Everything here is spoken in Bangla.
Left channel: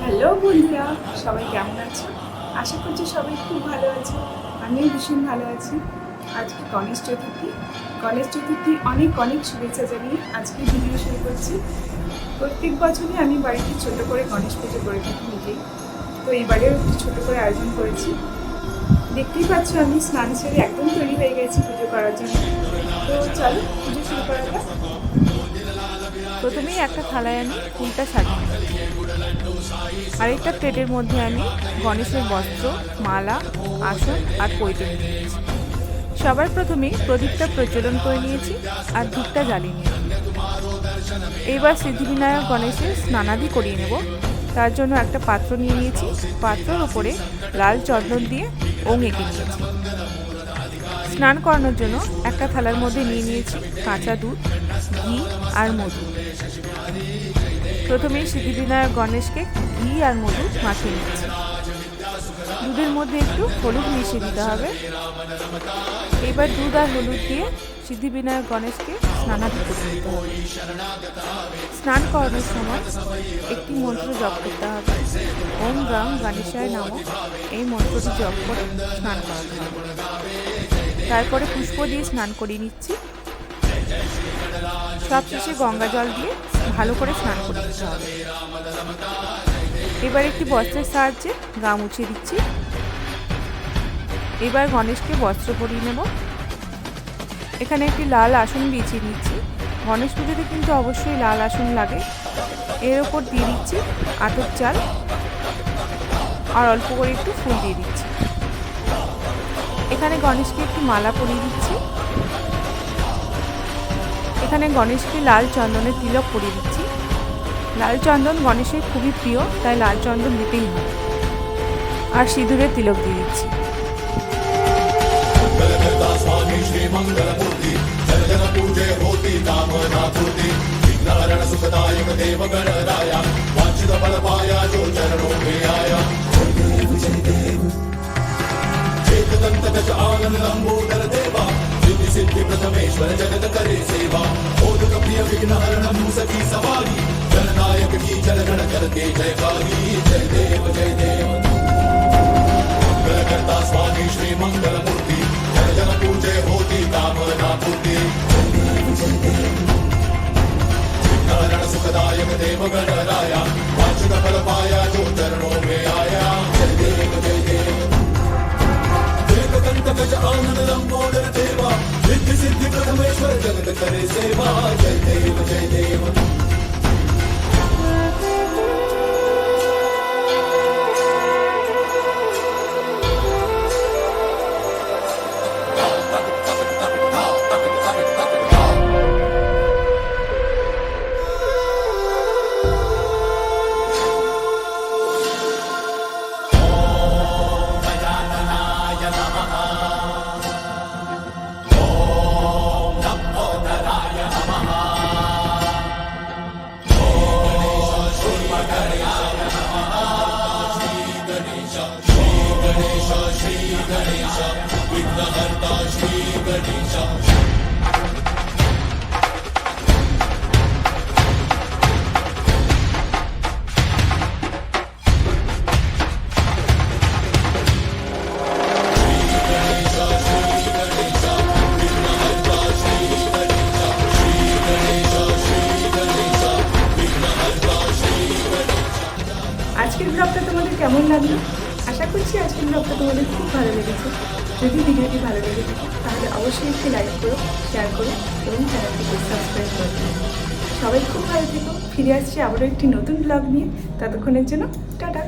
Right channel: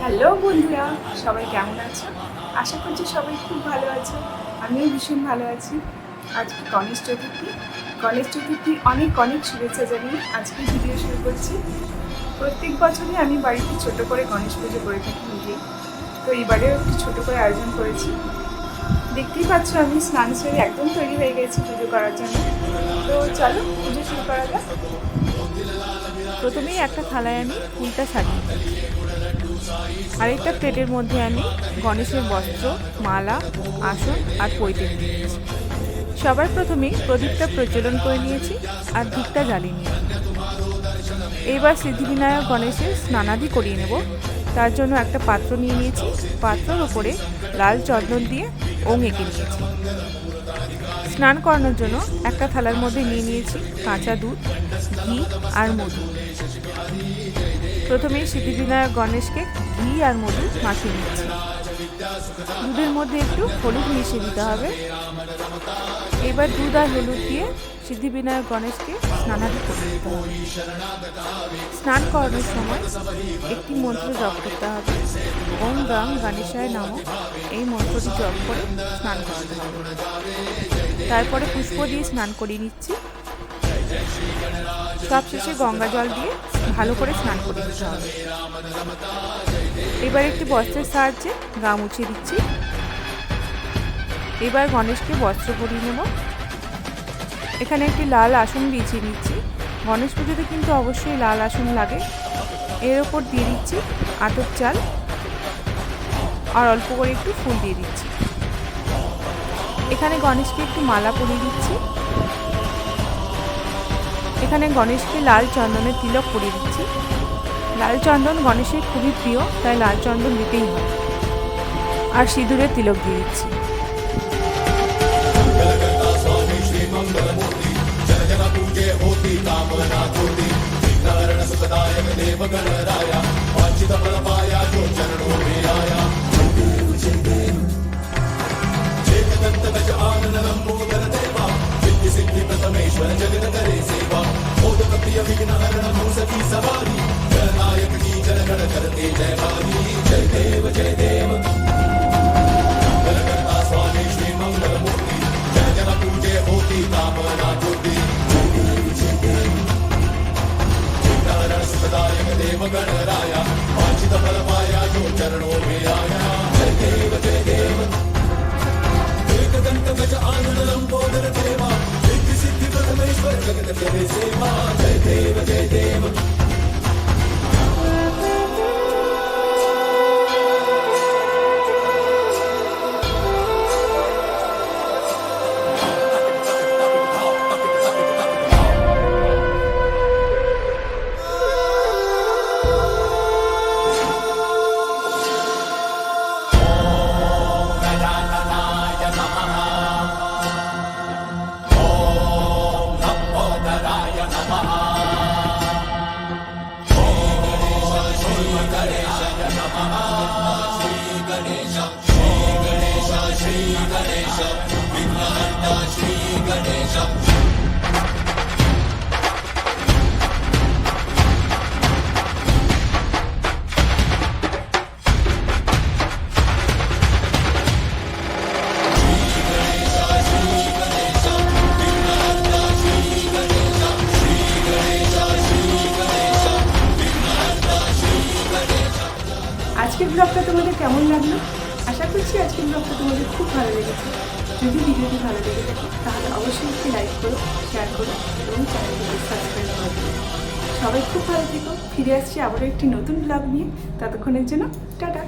হ্যালো বন্ধুরা, সবাই কেমন আছো? আশা করছি সবাই খুব ভালো আছো। আমিও ভীষণ ভালো আছি। আজকে গণেশ চতুর্থী। গণেশ চতুর্থী অনেক অনেক শুভেচ্ছা জানিয়ে আজকে ভিডিও শুরু করছি। প্রত্যেক বছরই আমি বাড়িতে ছোট করে গণেশ পুজো করে থাকি নিজেই। তো এবারেও একটু ছোট করে আয়োজন করেছি। দেখতেই পাচ্ছ আমি স্নান সেরে একদম তৈরি হয়ে গেছি পুজো করার জন্য। তো চলো পুজো শুরু করা যাক। প্রথমেই একটা থালায় আমি ফুলটা সাজিয়ে নিই আরেকটা প্লেটের মধ্যে আমি গণেশের বস্ত্র, মালা, আসন আর পৈতে নিয়ে নিয়েছি সবার প্রথমেই প্রদীপটা প্রজ্বলন করে নিয়েছি আর ধূপটা জ্বালিয়ে নিয়েছি। এইবার সিদ্ধিবিনায়ক গণেশের স্নানাদি করিয়ে নেব। তার জন্য একটা পাত্র নিয়ে নিয়েছি। পাত্রর ওপরে লাল চন্দন দিয়ে ওং এঁকে নিয়েছি। স্নান করানোর জন্য একটা থালার মধ্যে নিয়ে নিয়েছি কাঁচা দুধ, ঘি আর মধু। প্রথমেই সিদ্ধিবিনায়ক গণেশকে ঘি আর মধু মাখিয়ে নিচ্ছি। দুধের মধ্যে একটু হলুদ মিশিয়ে দিতে হবে। এবার দুধ আর হলুদ দিয়ে সিদ্ধিবিনায়ক গণেশকে স্নানাদি করে নিতে হবে। স্নান করানোর সময় একটি মন্ত্র জপ করতে হবে। ওম গাং গণেশায় নামক এই মন্ত্রটি জপ করে স্নান করাতে হবে। তারপরে পুষ্প দিয়ে স্নান করিয়ে নিচ্ছি। সবশেষে গঙ্গা জল দিয়ে ভালো করে স্নান করে নিতে হবে। এবার একটি বস্ত্রের সাহায্যে গা মুছিয়ে দিচ্ছি। এবার গণেশকে বস্ত্র পরিয়ে নেব। এখানে একটি লাল আসন বিছিয়ে নিচ্ছি গণেশ পুজোতে কিন্তু অবশ্যই লাল আসন লাগে। এর ওপর দিয়ে দিচ্ছি আতপ চাল। আর অল্প করে একটু ফুল দিয়ে দিচ্ছি। এখানে গণেশকে একটি মালা পরিয়ে দিচ্ছি। এখানে গণেশকে লাল চন্দনের তিলক পরিয়ে দিচ্ছি। লাল চন্দন গণেশের খুবই প্রিয়, তাই লাল চন্দন দিতেই হয়। আর সিঁদুরের তিলক দিয়ে দিচ্ছি। புகழனாயா பாஞ்சித பலவாயா சூத்தனோமையாய ஜெய தேவ ஜெய தேவ தேவ தந்த கஜ ஆனந்த லம்போதர தேவா சித்தி சித்தி பரமேஸ்வர ஜெகத கரி சேவா ஜெய தேவ ஜெய தேவ Namaha. আজকের ব্লগটা তোমাদের কেমন লাগল? আশা করছি আজকের ব্লগটা তোমাদের খুব ভালো লেগেছে। যদি ভিডিওটি ভালো লেগে থাকে, তাহলে অবশ্যই একটি লাইক করো শেয়ার করো এবং চ্যানেলটিকে সাবস্ক্রাইব করে দিও। সবাই খুব ভালো থেকো। ফিরে আসছি আবারও একটি নতুন ব্লগ নিয়ে। ততক্ষণের জন্য, টাটা।